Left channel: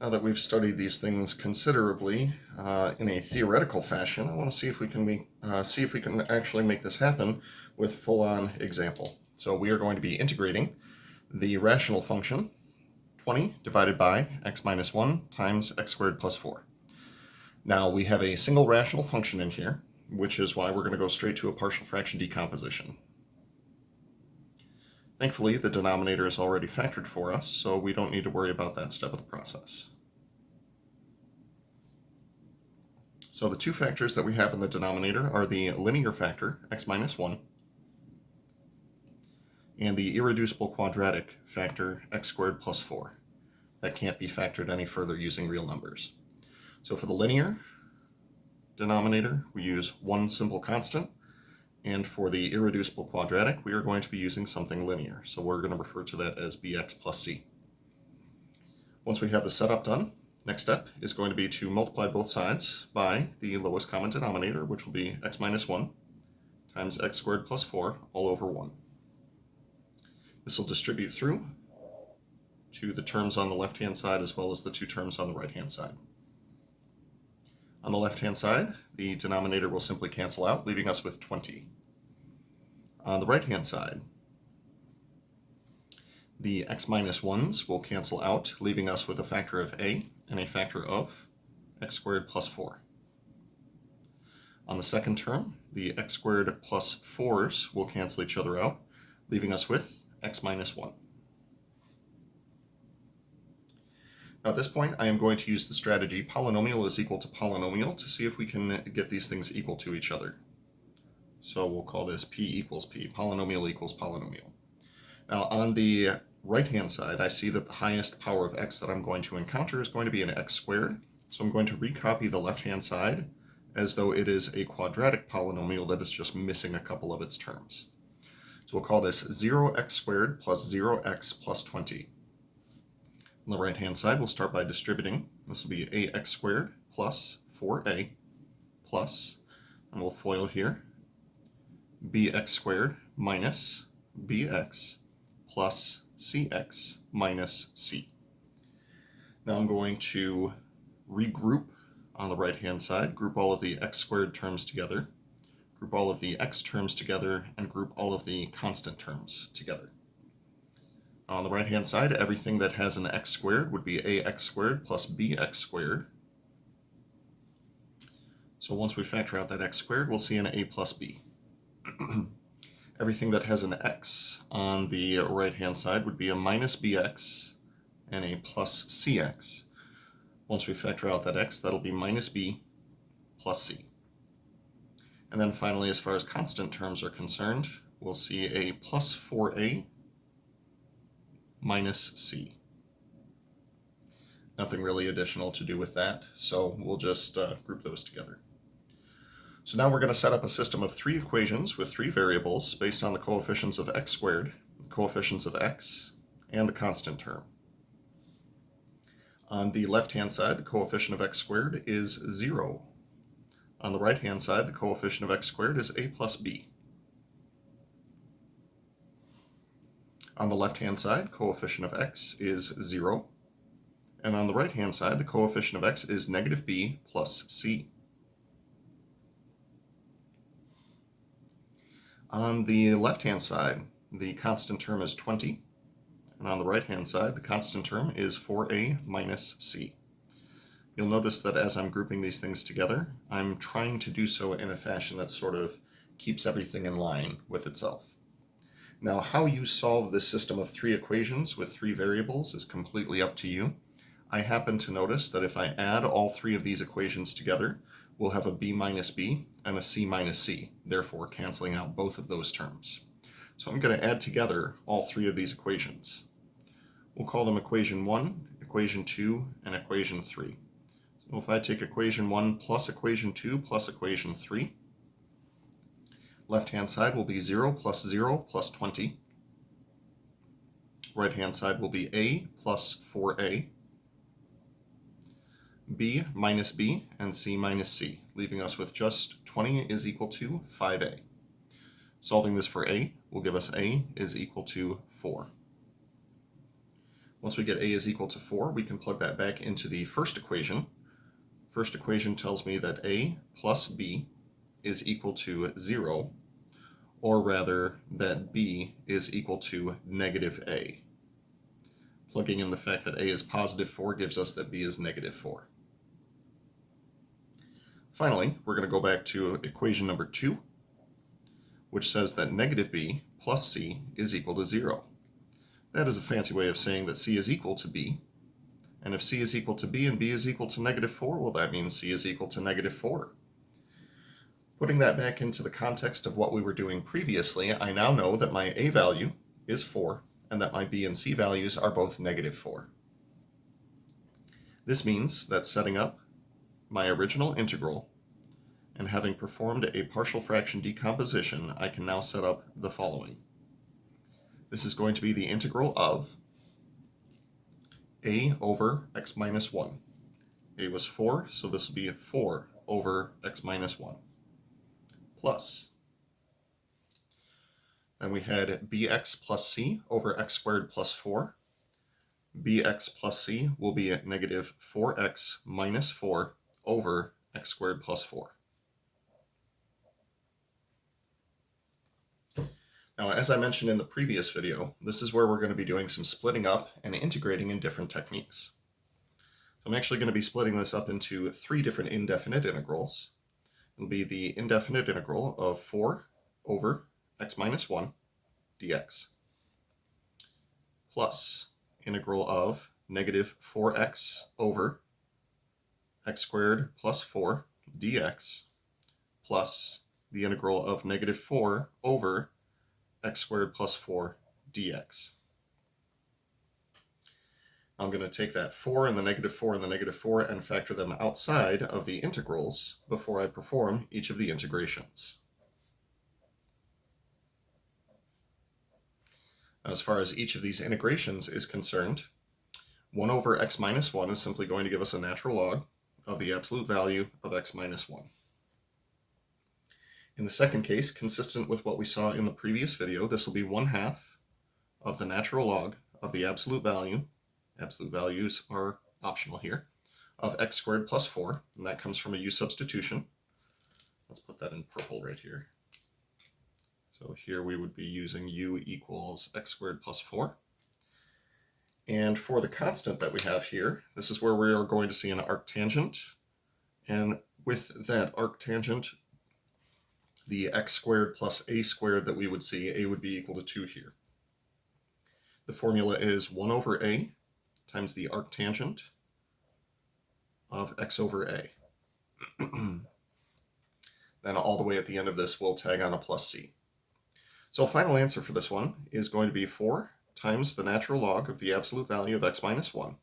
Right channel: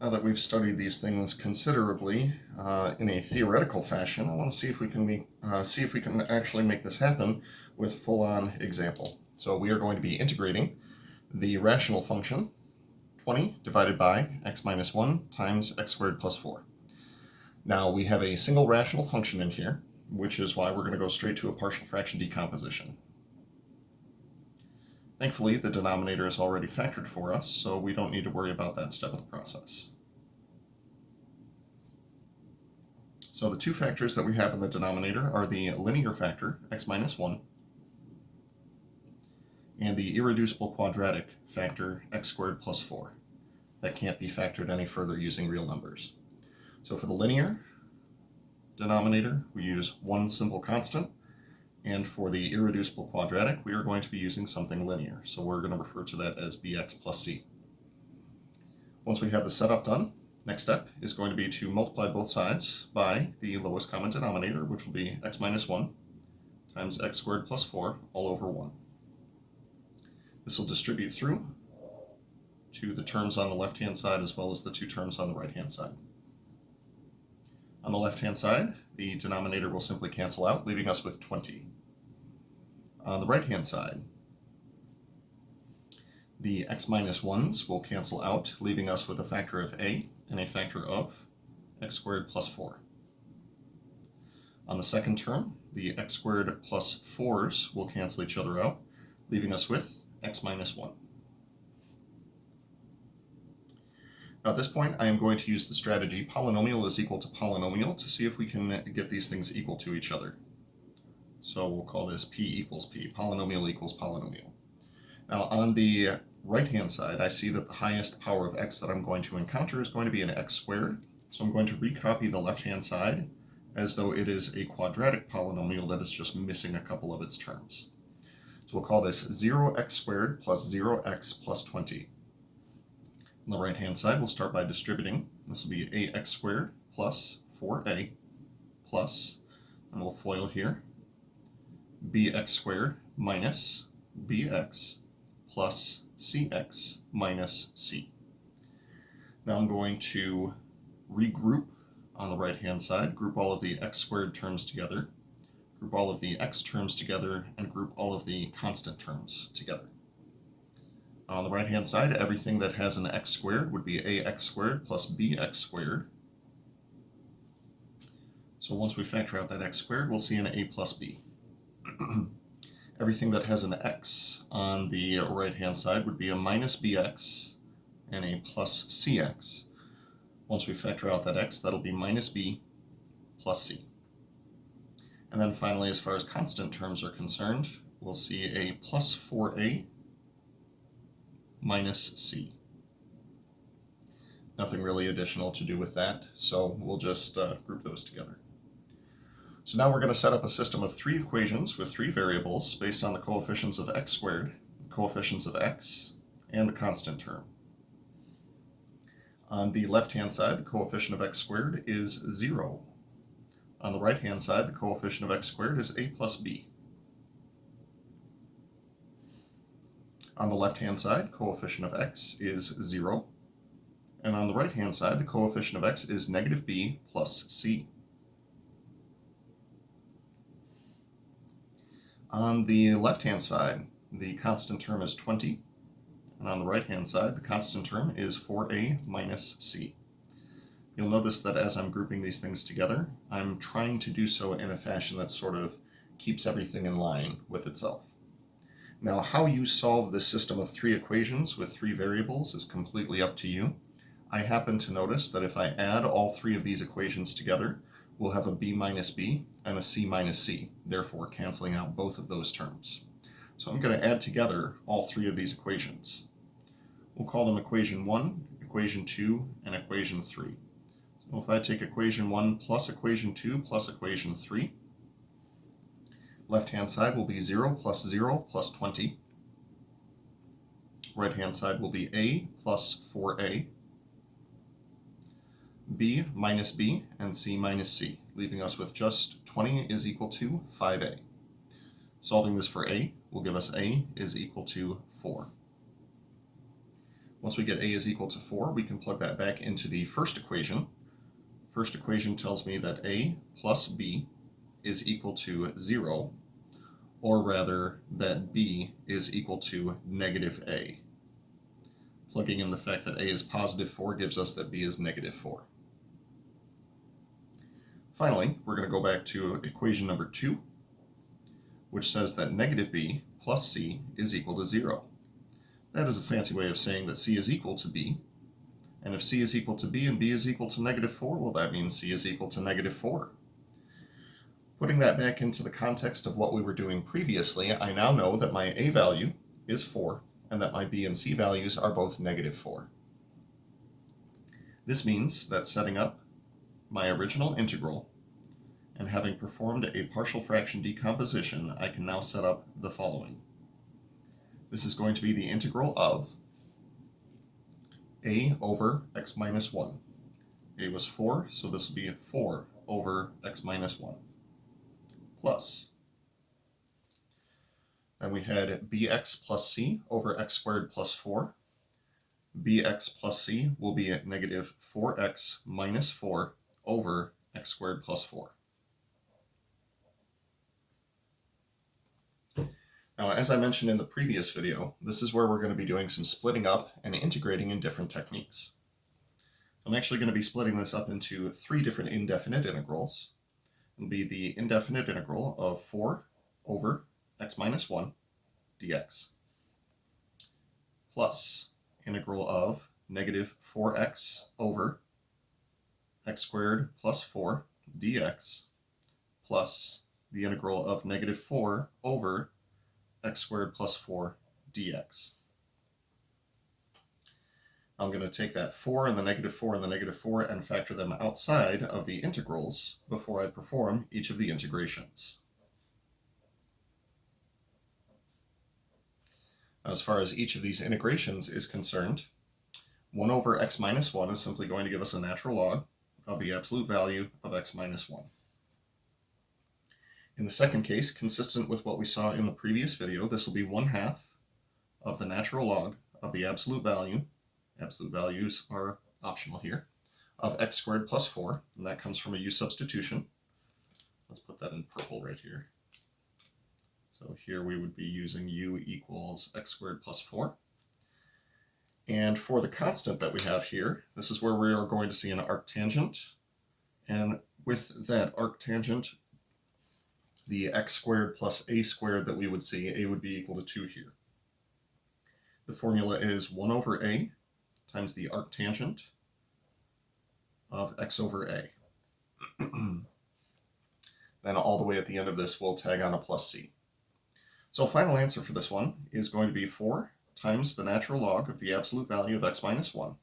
Now that we've studied these things considerably in a theoretical fashion, I want to see if we can actually make this happen with full-on example. So we are going to be integrating the rational function 20 divided by x minus 1 times x squared plus 4. Now we have a single rational function in here, which is why we're going to go straight to a partial fraction decomposition. Thankfully, the denominator is already factored for us, so we don't need to worry about that step of the process. So the two factors that we have in the denominator are the linear factor, x minus 1, and the irreducible quadratic factor, x squared plus 4. That can't be factored any further using real numbers. So for the linear denominator, we use one simple constant, and for the irreducible quadratic, we are going to be using something linear. So we're going to refer to that as bx plus c. Once we have the setup done, next step is going to be to multiply both sides by the lowest common denominator, which will be x minus 1 times x squared plus 4 all over 1. This will distribute through to the terms on the left-hand side as well as the two terms on the right-hand side. On the left-hand side, the denominator will simply cancel out, leaving us with 20. On the right-hand side, the x minus 1's will cancel out, leaving us with a factor of a and a factor of x squared plus 4. On the second term, the x squared plus 4's will cancel each other out, leaving us with x minus 1. Now at this point, I am going to use the strategy polynomial is equal to polynomial to see if we can get these things equal to each other. So we'll call this p equals p, polynomial equals polynomial. Now on the right-hand side, I see that the highest power of x that I'm going to encounter is going to be an x squared. So I'm going to recopy the left-hand side as though it is a quadratic polynomial that is just missing a couple of its terms. So we'll call this 0x squared plus 0x plus 20. On the right-hand side, we'll start by distributing. This will be ax squared plus 4a plus, and we'll FOIL here, bx squared minus bx plus cx minus c. Now I'm going to regroup on the right-hand side, group all of the x squared terms together, group all of the x terms together, and group all of the constant terms together. On the right-hand side, everything that has an x squared would be ax squared plus bx squared. So once we factor out that x squared, we'll see an a plus b. Everything that has an x on the right-hand side would be a minus bx and a plus cx. Once we factor out that x, that'll be minus b plus c. And then finally, as far as constant terms are concerned, we'll see a plus 4a minus c. Nothing really additional to do with that, so we'll just group those together. So now we're going to set up a system of three equations with three variables based on the coefficients of x squared, the coefficients of x, and the constant term. On the left-hand side, the coefficient of x squared is 0. On the right-hand side, the coefficient of x squared is a plus b. On the left-hand side, coefficient of x is 0. And on the right-hand side, the coefficient of x is negative b plus c. On the left-hand side, the constant term is 20. And on the right-hand side, the constant term is 4a minus c. You'll notice that as I'm grouping these things together, I'm trying to do so in a fashion that sort of keeps everything in line with itself. Now, how you solve this system of three equations with three variables is completely up to you. I happen to notice that if I add all three of these equations together, we'll have a b minus b and a c minus c, therefore canceling out both of those terms. So I'm going to add together all three of these equations. We'll call them equation 1, equation 2, and equation 3. So if I take equation 1 plus equation 2 plus equation 3, left-hand side will be 0 plus 0 plus 20. Right-hand side will be a plus 4a, b minus b, and c minus c, leaving us with just 20 is equal to 5a. Solving this for a will give us a is equal to 4. Once we get a is equal to 4, we can plug that back into the first equation. First equation tells me that a plus b is equal to 0, or rather that b is equal to negative a. Plugging in the fact that a is positive 4 gives us that b is negative 4. Finally, we're going to go back to equation number 2, which says that negative b plus c is equal to 0. That is a fancy way of saying that c is equal to b. And if c is equal to b and b is equal to negative 4, well, that means c is equal to negative 4. Putting that back into the context of what we were doing previously, I now know that my a value is 4 and that my b and c values are both negative 4. This means that setting up my original integral and having performed a partial fraction decomposition, I can now set up the following. This is going to be the integral of a over x minus 1. A was 4, so this will be 4 over x minus 1. Plus, then we had bx plus c over x squared plus 4. Bx plus c will be at negative 4x minus 4 over x squared plus 4. Now, as I mentioned in the previous video, this is where we're going to be doing some splitting up and integrating in different techniques. So I'm actually going to be splitting this up into 3 different indefinite integrals. It'll be the indefinite integral of 4 over x minus 1 dx plus integral of negative 4x over x squared plus 4 dx plus the integral of negative 4 over x squared plus 4 dx. I'm going to take that 4 and the negative 4 and the negative 4 and factor them outside of the integrals before I perform each of the integrations. As far as each of these integrations is concerned, 1 over x minus 1 is simply going to give us a natural log of the absolute value of x minus 1. In the second case, consistent with what we saw in the previous video, this will be 1/2 of the natural log of the absolute value. Absolute values are optional here, of x squared plus 4, and that comes from a u substitution. Let's put that in purple right here. So here we would be using u equals x squared plus 4. And for the constant that we have here, this is where we are going to see an arctangent. And with that arctangent, the x squared plus a squared that we would see, a would be equal to 2 here. The formula is 1 over a times the arctangent of x over a. Then all the way at the end of this, we'll tag on a plus c. So final answer for this one is going to be 4 times the natural log of the absolute value of x minus 1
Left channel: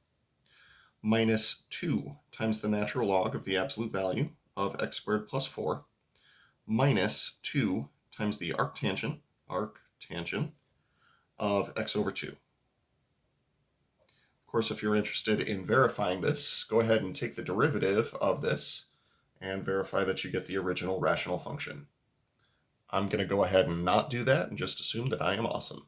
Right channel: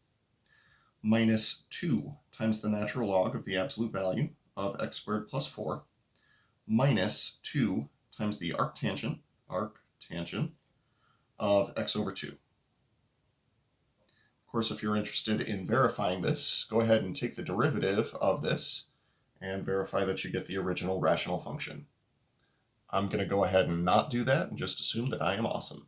minus 2 times the natural log of the absolute value of x squared plus 4 minus 2 times the arctangent of x over 2. Of course, if you're interested in verifying this, go ahead and take the derivative of this and verify that you get the original rational function. I'm going to go ahead and not do that and just assume that I am awesome.